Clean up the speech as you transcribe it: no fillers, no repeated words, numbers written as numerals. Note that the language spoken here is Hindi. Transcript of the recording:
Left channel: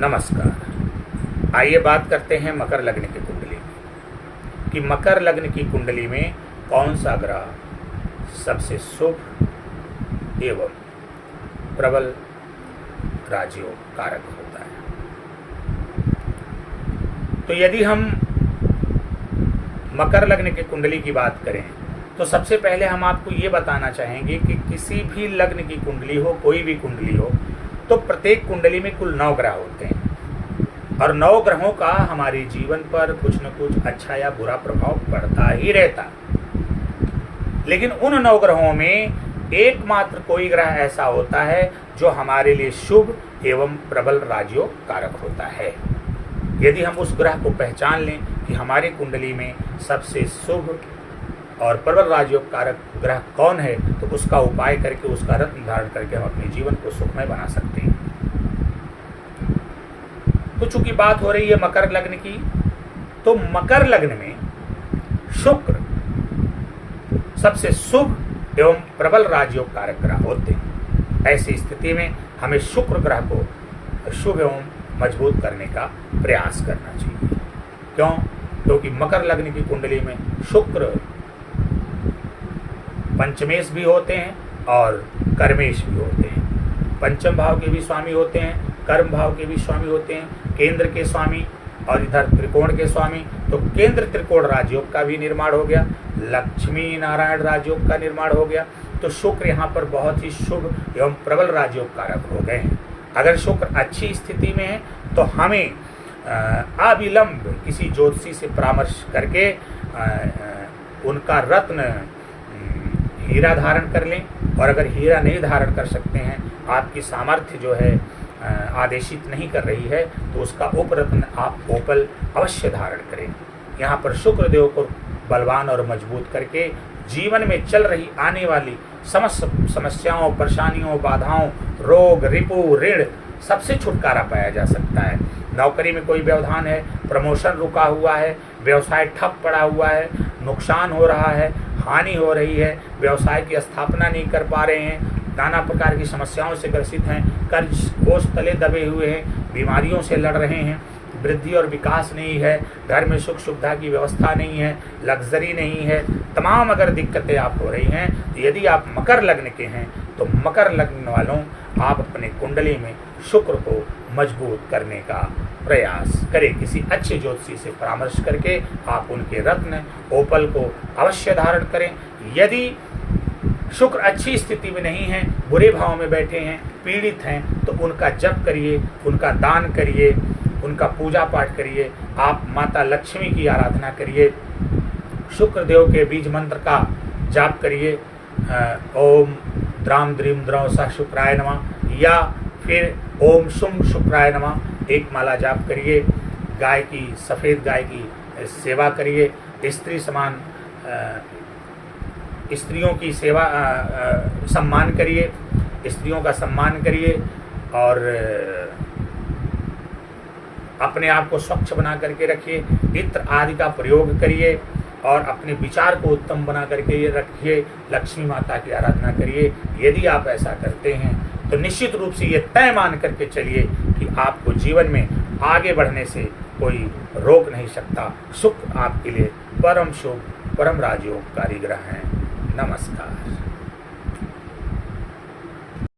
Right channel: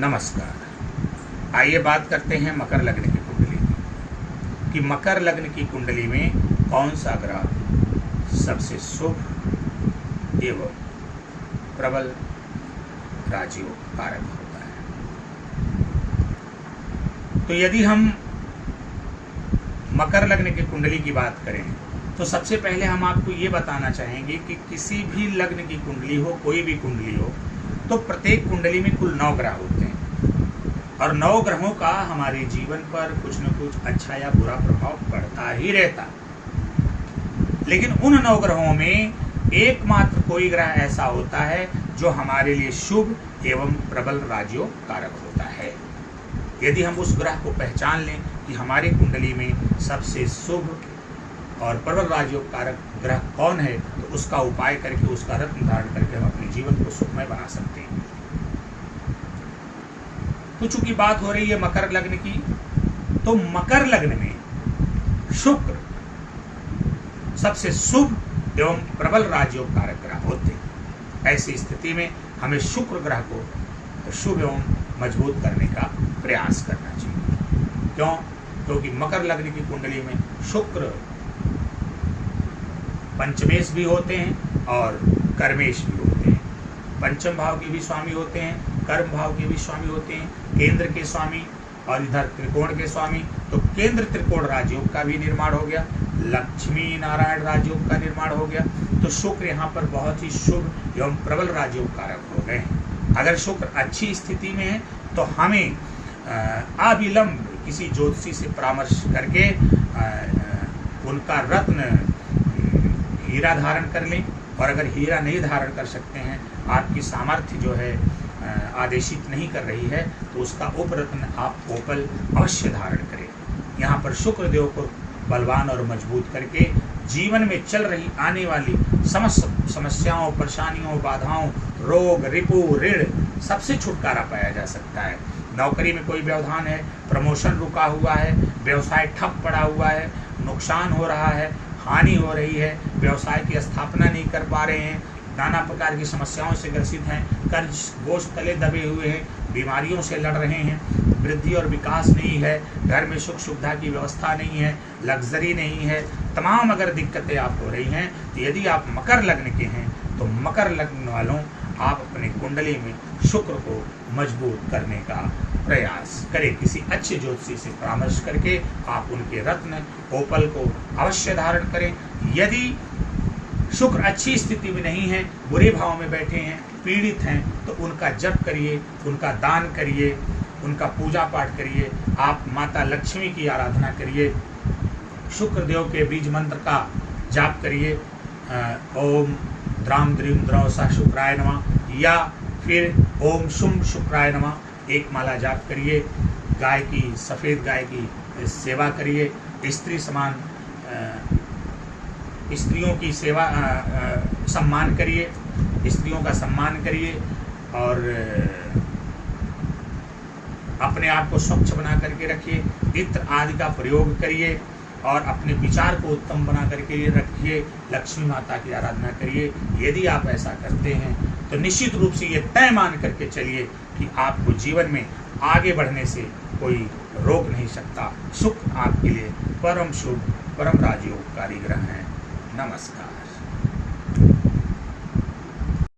नमस्कार। आइए बात करते हैं मकर लग्न की कुंडली की कि मकर लग्न की कुंडली में कौन सा ग्रह सबसे शुभ एवं प्रबल राजयोग कारक होता है। तो यदि हम मकर लग्न की कुंडली की बात करें तो सबसे पहले हम आपको ये बताना चाहेंगे कि किसी भी लग्न की कुंडली हो, कोई भी कुंडली हो, तो प्रत्येक कुंडली में कुल 9 ग्रह होते हैं और 9 ग्रहों का हमारे जीवन पर कुछ न कुछ अच्छा या बुरा प्रभाव पड़ता ही रहता है। लेकिन उन 9 ग्रहों में एकमात्र कोई ग्रह ऐसा होता है जो हमारे लिए शुभ एवं प्रबल राजयोग कारक होता है। यदि हम उस ग्रह को पहचान लें कि हमारे कुंडली में सबसे शुभ और प्रबल राजयोग कारक ग्रह कौन है, तो उसका उपाय करके, उसका रत्न धारण करके हम अपने जीवन को सुखमय बना सकते हैं। तो चूंकि बात हो रही है मकर लग्न की, तो मकर लग्न में शुक्र सबसे शुभ एवं प्रबल राजयोग कारक ग्रह होते हैं। ऐसी स्थिति में हमें शुक्र ग्रह को शुभ एवं मजबूत करने का प्रयास करना चाहिए। क्यों? क्योंकि मकर लग्न की कुंडली में शुक्र पंचमेश भी होते हैं और कर्मेश भी होते हैं। पंचम भाव के भी स्वामी होते हैं, कर्म भाव के भी स्वामी होते हैं, केंद्र के स्वामी और इधर त्रिकोण के स्वामी। तो केंद्र त्रिकोण राजयोग का भी निर्माण हो गया, लक्ष्मी नारायण राजयोग का निर्माण हो गया। तो शुक्र यहाँ पर बहुत ही शुभ एवं प्रबल राजयोग कारक हो गए हैं। अगर शुक्र अच्छी स्थिति में है तो हमें अविलंब किसी ज्योतिषी से परामर्श करके उनका रत्न हीरा धारण कर लें, और अगर हीरा नहीं धारण कर सकते हैं, आपकी सामर्थ्य जो है आदेशित नहीं कर रही है, तो उसका उपरत्न आप ओपल अवश्य धारण करें। यहाँ पर शुक्र देव को बलवान और मजबूत करके जीवन में चल रही आने वाली समस्त समस्याओं, परेशानियों, बाधाओं, रोग, रिपु, ऋण सबसे छुटकारा पाया जा सकता है। नौकरी में कोई व्यवधान है, प्रमोशन रुका हुआ है, व्यवसाय ठप पड़ा हुआ है, नुकसान हो रहा है, हानि हो रही है, व्यवसाय की स्थापना नहीं कर पा रहे हैं, नाना प्रकार की समस्याओं से ग्रसित हैं, कर्ज कोष तले दबे हुए हैं, बीमारियों से लड़ रहे हैं, वृद्धि और विकास नहीं है, घर में सुख सुविधा की व्यवस्था नहीं है, लग्जरी नहीं है, तमाम अगर दिक्कतें आप हो रही हैं, तो यदि आप मकर लग्न के हैं तो मकर लग्न वालों आप अपने कुंडली में शुक्र को मजबूत करने का प्रयास करें। किसी अच्छे ज्योतिषी से परामर्श करके आप उनके रत्न ओपल को अवश्य धारण करें। यदि शुक्र अच्छी स्थिति में नहीं है, बुरे भाव में बैठे हैं, पीड़ित हैं, तो उनका जप करिए, उनका दान करिए, उनका पूजा पाठ करिए, आप माता लक्ष्मी की आराधना करिए, शुक्र देव के बीज मंत्र का जाप करिए, ओम द्राम द्रीम द्रव सा शुक्राय नमः, या फिर ओम शुम शुक्राय नमः एक माला जाप करिए। गाय की, सफ़ेद गाय की सेवा करिए। स्त्री समान स्त्रियों की सेवा सम्मान करिए, स्त्रियों का सम्मान करिए और अपने आप को स्वच्छ बना करके रखिए। इत्र आदि का प्रयोग करिए और अपने विचार को उत्तम बना करके रखिए। लक्ष्मी माता की आराधना करिए। यदि आप ऐसा करते हैं तो निश्चित रूप से ये तय मान करके चलिए कि आपको जीवन में आगे बढ़ने से कोई रोक नहीं सकता। शुक्र आपके लिए परम शुभ, परम राजयोगकारी ग्रह हैं। नमस्कार।